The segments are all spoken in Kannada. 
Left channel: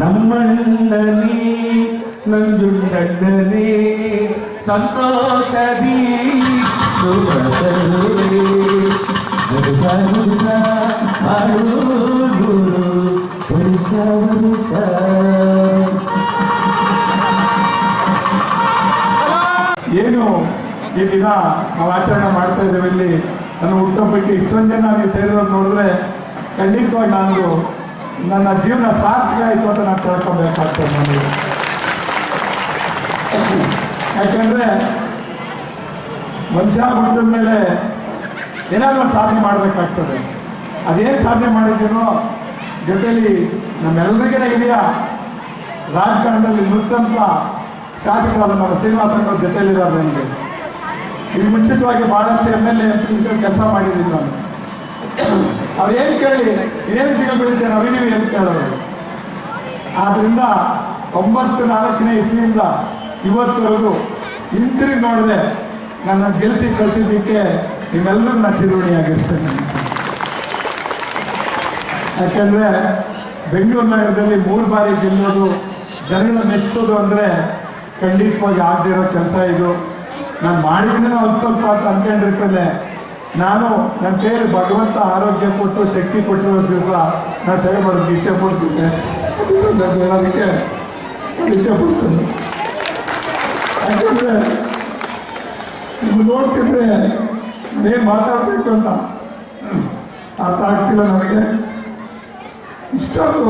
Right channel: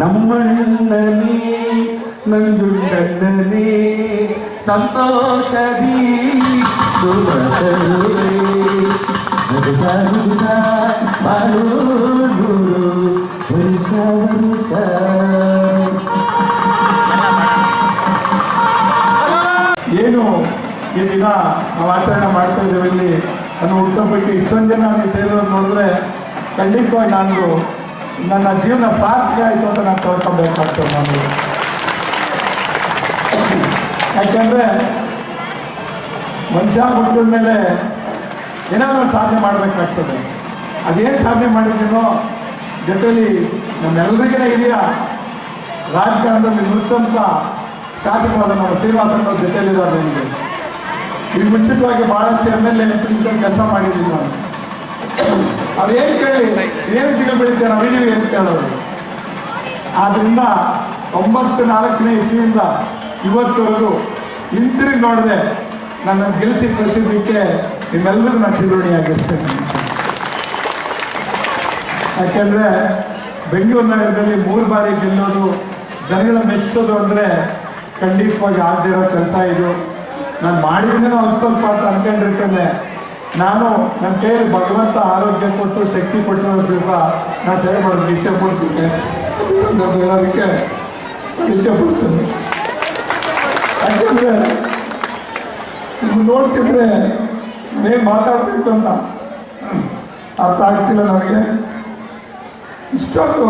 ನಮ್ಮಣ್ಣನೇ ನಂಜುಂಡಣ್ಣನೇ ಸಂತೋಷದಿ ಏನು ಈ ದಿನ ನಾವು ಆಚರಣೆ ಮಾಡ್ತಾ ಇದ್ದೇವೆ ಇಲ್ಲಿ ನನ್ನ ಹುಟ್ಟುಹಬ್ಬಕ್ಕೆ ಇಷ್ಟೊಂದು ಜನ ಸೇರಿದವ್ರು ನೋಡಿದ್ರೆ ಖಂಡಿತವಾಗಿ ನಾನು ನನ್ನ ಜೀವನ ಸಾರ್ಥಕ ಆಯಿತು ಅಂತ ನಾನು ತಿಳ್ಕೊಬೇಕಾಗ್ತದೆ ನಾನು. ಯಾಕೆಂದರೆ ಮನುಷ್ಯ ಹುಟ್ಟಿದ ಮೇಲೆ ಏನಾದರೂ ಸಾಧನೆ ಮಾಡಬೇಕಾಗ್ತದೆ. ಅದೇನು ಸಾಧನೆ ಮಾಡಿದ್ದೀನೋ ಜೊತೆಲಿ ನಮ್ಮೆಲ್ಲರಿಗೇ ಇದೆಯಾ ರಾಜಕಾರಣದಲ್ಲಿ ನುತ್ತಂತ ಶಾಸಕರಾದ ನಮ್ಮ ಶ್ರೀನಿವಾಸನವ್ರ ಜೊತೆಲಿದ್ದಾರೆ. ನನಗೆ ಇದು ಮುಂಚಿತವಾಗಿ ಭಾಳಷ್ಟು MLA ಕೆಲಸ ಮಾಡಿದ್ದೀನಿ ನಾನು. ಅದೇನು ಕೇಳಿ ಏನು ತಿಂಗಳು ಬೆಳಿತೇವೆ ನಾವಿದ್ದೀವಿ ಅಂತ ಕೇಳೋದು. ಆದ್ದರಿಂದ 94ನೇ ಇಸ್ವಿಯಿಂದ ಇವತ್ತವರೆಗೂ ಹಿಂತಿರುಗಿ ನೋಡಿದೆ ನನ್ನ ಗೆಲ್ಲಿಸಿ ಕಳಿಸಿದ್ದಕ್ಕೆ ನಿಮ್ಮೆಲ್ಲರೂ ನಾನು ಚಿರೋಣಿಯಾಗಿರ್ತೇನೆ. ಯಾಕೆಂದರೆ ಬೆಂಗಳೂರು ನಗರದಲ್ಲಿ 3 ಬಾರಿ ಗೆಲ್ಲೋದು, ಜನಗಳ ಮೆಚ್ಚಿಸೋದು ಅಂದರೆ ಖಂಡಿತವಾಗಿ ಆಗದೇ ಇರೋ ಕೆಲಸ ಇದು. ನಾನು ಮಾಡಿದ್ದೇನೋ ಅಲ್ಪ ಸ್ವಲ್ಪ ಅಂತ ಅಂದ್ಕೊಂಡಿರ್ತೇನೆ. ನಾನು ನನ್ನ ಕೈಯಲ್ಲಿ ಭಗವಂತ ಆರೋಗ್ಯ ಕೊಟ್ಟು ಶಕ್ತಿ ಕೊಟ್ಟಿರೋ ದಿವಸ ನಾನು ಸೇವೆ ಮಾಡೋದಕ್ಕೆ ಇಚ್ಛೆ ಪಡ್ತೀನಿ. ಅದಕ್ಕೆ ಇಚ್ಛೆ ಪಡ್ತೀನಿ. ಯಾಕಂದರೆ ನೀವು ನೋಡ್ತಿದ್ರೆ ಏನು ಮಾತಾಡಬೇಕು ಅಂತ ಅರ್ಥ ಆಗ್ತಿಲ್ಲ ನನಗೆ. ಇಷ್ಟೊಂದು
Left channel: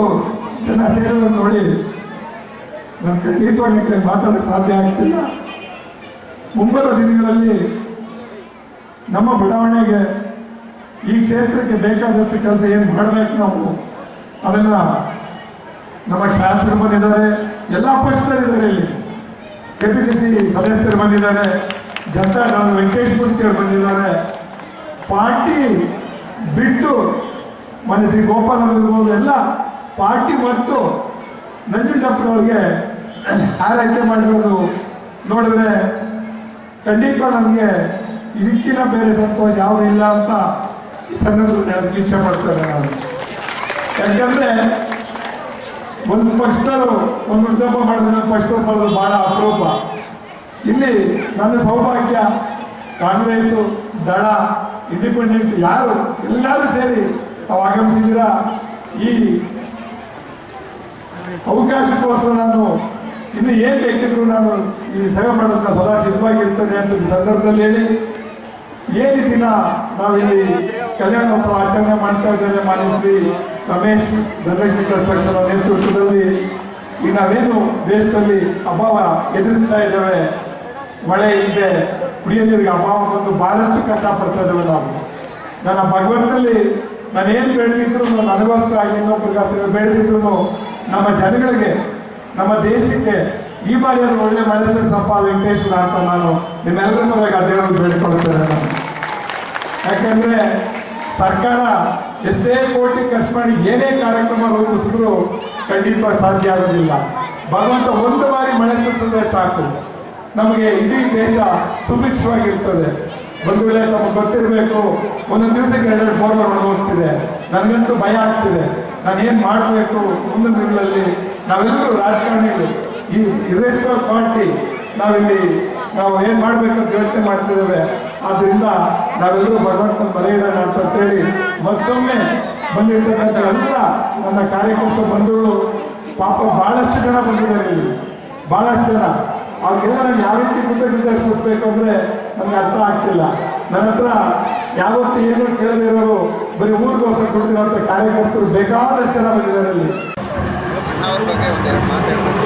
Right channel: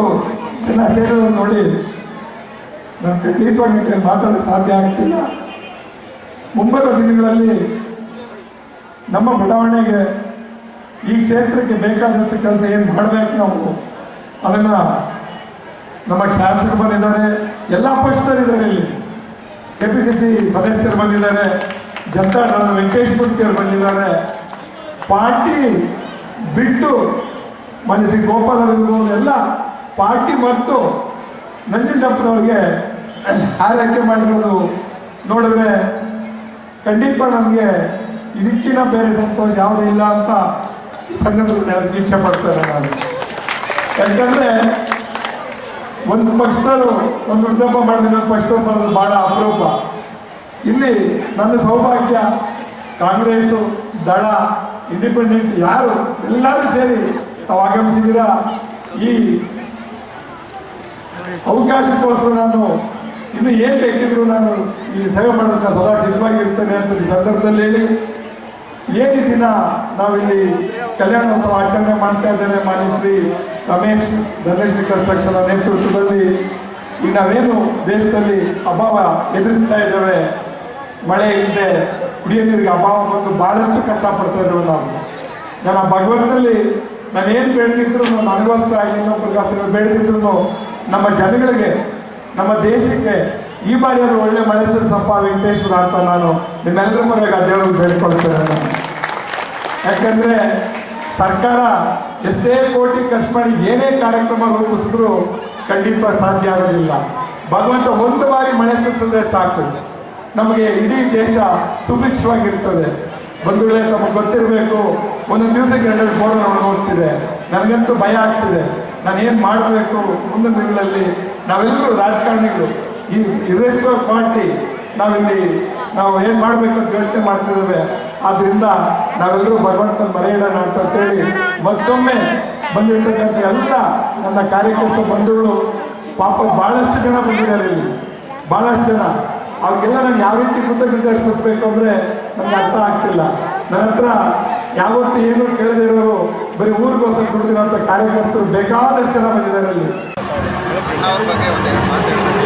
ಜನ ಸೇರೋದು ನೋಡಿ ನಾನು ಖಂಡಿತವಾಗಿ ಮಾತಾಡೋಕ್ಕೆ ಸಾಧ್ಯ ಆಗ್ತಿಲ್ಲ. ಮುಂಬರುವ ದಿನಗಳಲ್ಲಿ ನಮ್ಮ ಬಡಾವಣೆಗೆ ಈ ಕ್ಷೇತ್ರಕ್ಕೆ ಬೇಕಾದಷ್ಟು ಕೆಲಸ ಏನು ಮಾಡಬೇಕು ನಾವು ಅದನ್ನು ನಮ್ಮ ಶಾಸಕರು ಬಂದಿದ್ದಾರೆ, ಎಲ್ಲ ಪಕ್ಷದಲ್ಲಿದ್ದಾರೆ. ಇಲ್ಲಿ KPCC ಸದಸ್ಯರು ಬಂದಿದ್ದಾರೆ, ಜನತಾ ವೆಂಕಟೇಶ್ ಮೂರ್ತಿಯವರು ಬಂದಿದ್ದಾರೆ. ಪಾರ್ಟಿ ಬಿಟ್ಟು ಮನಸ್ಸಿ ಗೋಪಾಲ ಇರ್ಬೋದು, ಎಲ್ಲ ಪಾರ್ಟಿ ಮತ್ತು ನಂಜುಂಡಪ್ಪನವ್ರಿಗೆ ಆರೈಕೆ ಮಾಡಿರೋದು ನೋಡಿದ್ರೆ ಖಂಡಿತ ನಮಗೆ ಇದಕ್ಕಿಂತ ಬೇರೆ ಸಂತೋಷ ಯಾವುದೂ ಇಲ್ಲ ಅಂತ ಈ ಸಂದರ್ಭದಲ್ಲಿ ಅದಕ್ಕೆ ಇಚ್ಛೆ ಪಡ್ತಾರೆ ನಾನು. ಯಾಕಂದರೆ ಒಂದು ಪಕ್ಷದವರು ಒಂದು ವೃದ್ಧಪ್ಪ ಮಾಡಿದ ಪಕ್ಷದವ್ರು ಬರೋದು ಭಾಳ ಅಪರೂಪ. ಇಲ್ಲಿ ನನ್ನ ಸೌಭಾಗ್ಯ ಕಾಂಗ್ರೆಸ್ಸು, ದಳ, ಇಂಡಿಪೆಂಡೆಂಟ್ ಯಾರು ಎಲ್ಲರೂ ಸೇರಿ ತಾವು ಆಗಮಿಸಿದ್ದೀರಾ. ಈ ಅವಕಾಶಕ್ಕೋಸ್ಕರ ನಾನು ಇನ್ನು ಏನು ಬೇಕಿದ್ರು ನಾನು ಈ ಸೇವೆ ಮಾಡೋದಕ್ಕೆ ಸದಾ ಸಿದ್ಧವಾಗಿರ್ತೇನೆ ಅಂತ ಈ ಸಂದರ್ಭದಲ್ಲಿ ಹೇಳಿ, ಏನು ದಿನ ನಾವಿಲ್ಲಿ ಕಲ್ಯಾಣೋತ್ಸವ ಆಚರಣೆ ಮಾಡ್ತಾ ಇದ್ದೇವೆ. ಮಾನ್ಯ ರಮೇಶ್ ಧನಲಕ್ಷ್ಮಿ ಕನ್ಸ್ಟ್ರಕ್ಷನ್ ನೇತೃತ್ವದಲ್ಲಿ ಈಗ ನಾವೇನು ದೇಶದಲ್ಲಿ ಅಭಾವ ಎದುರಿಸ್ತಾ ಇದ್ದೇವೆ, ಮಳೆ ಇಲ್ಲದೆ ಕುಡಿಯೋ ನೀರಿಗೆ ಅಭಾವ ಬಂದು ಭಾಳಷ್ಟು ಕಷ್ಟಪಡ್ತಾ ಇದ್ದೇವೆ ನಾವು. ನಾನು ಆ ಭಗವಂತನಲ್ಲಿ ನಾನೇನು ಬೇಡದಿದ್ರು ನನಗೋಸ್ಕರ ಆಗಿ ಇನ್ನೊಬ್ಬರಿಗೋಸ್ಕರ ಬೇಡದಿದ್ರು ನಮ್ಮ ಜನಗಳಿಗೆ, ನಮ್ಮ ದೇಶಕ್ಕೆ ಈ ಬಾರಿ ಅದು ಒಳ್ಳೆ ಮಳೆ ಸಪ್ಪ ವೆಂಕಟೇಶ್ವರ ಅಂತ ನಾನು ನಿಮ್ಮೆಲ್ಲರ ಮನೆಗೆ ದೇವರಿಗೆ ಬೇಡಿಕೊಳ್ತೇನೆ ನಾನು. ಯಾಕಂದರೆ ಸರ್ಕಾರ ಎಷ್ಟೇ ಕೋಟಿ ಖರ್ಚು ಮಾಡಿ ಏನೇ ಕಾರ್ಯಕ್ರಮ ರೂಪಿಸಿದ್ರು ಖಂಡಿತವಾಗಿ ಸಾಧ್ಯ ಆಗೋದಿಲ್ಲ. ಭಗವಂತ ಒಂದು ಬಾರಿ ಮಳೆ ಸುರಿಸಿದ್ರೆ ಸಾಕು, ನಮಗೆ ಇಡೀ ದೇಶ ಸುಭಿಕ್ಷವಾಗಿರ್ತದೆ. ಬಂಧುಗಳೇ ನಮಗೆ ಗೊತ್ತಿರಬೇಕು, ಒಂದೊಂದು ದಿವಸಕ್ಕೆ 2 ಬೋರ್ ಹೋಗ್ತಿದೆ. ನನಗಂತೂ ಭಯ ಆಗ್ತಿದೆ, ನಾನೇನು ಮಾಡಬೇಕು ಮುಂದಿನ ದಿನಗಳಲ್ಲಿ. ನಾವೆಲ್ಲರೂ ರಾಜಕಾರಣಿಗಳು, ಈ ಇರ್ರೆಸ್ಪೆಕ್ಟ್ ಪಾರ್ಟಿ ನಾವು ಏನು ಮಾಡಬೇಕು ಅಂತ ಯೋಚನೆ ಮಾಡ್ತಿದ್ದೇವೆ. ಆದ್ದರಿಂದ ನಾವೆಲ್ಲರೂ ಭಗವಂತನ ಬರೆಯಿಡೋಣ ಅಂತೇಳಿ ಮತ್ತೊಮ್ಮೆ ಬಂದಿರ್ತಕ್ಕಂಥ ಎಲ್ಲ ನನ್ನ ಕಾರ್ಯಕರ್ತ ಬಂಧುಗಳು, ಪಾಪ ಭಾಳಷ್ಟು ಜನ ಬಂದಿದ್ದಾರೆ ಇಲ್ಲಿ, ಭಾಳಷ್ಟು ಜನ. ಅವ್ರಿಗೆಲ್ಲ ನಾನು ಯಾವ ರೀತಿ ಕೃತಜ್ಞತೆ ಅರ್ಪಿಸ್ಬೇಕು ಅಂದರೆ ನನಗೆ ಅರ್ಥ ಆಗ್ತಿಲ್ಲ. ನನ್ನ ಹತ್ರ ಯಾವತ್ತೂ ಏನು ಕೇಳದಿರೋರು ಬರೀ ಊರಿಗೋಸ್ಕರ ಕೂತಿರೋಂಥ ಕಾರ್ಯಕರ್ತರು ಬೇಕಾದಷ್ಟು ಜನ ಬಂದಿದ್ದಾರೆ ಅಲ್ಲಿ. ಅಣ್ಣವ್ರ ಬಗ್ಗೆ ಒಂದೆರಡು ಮಾತಾಡಬೇಕು.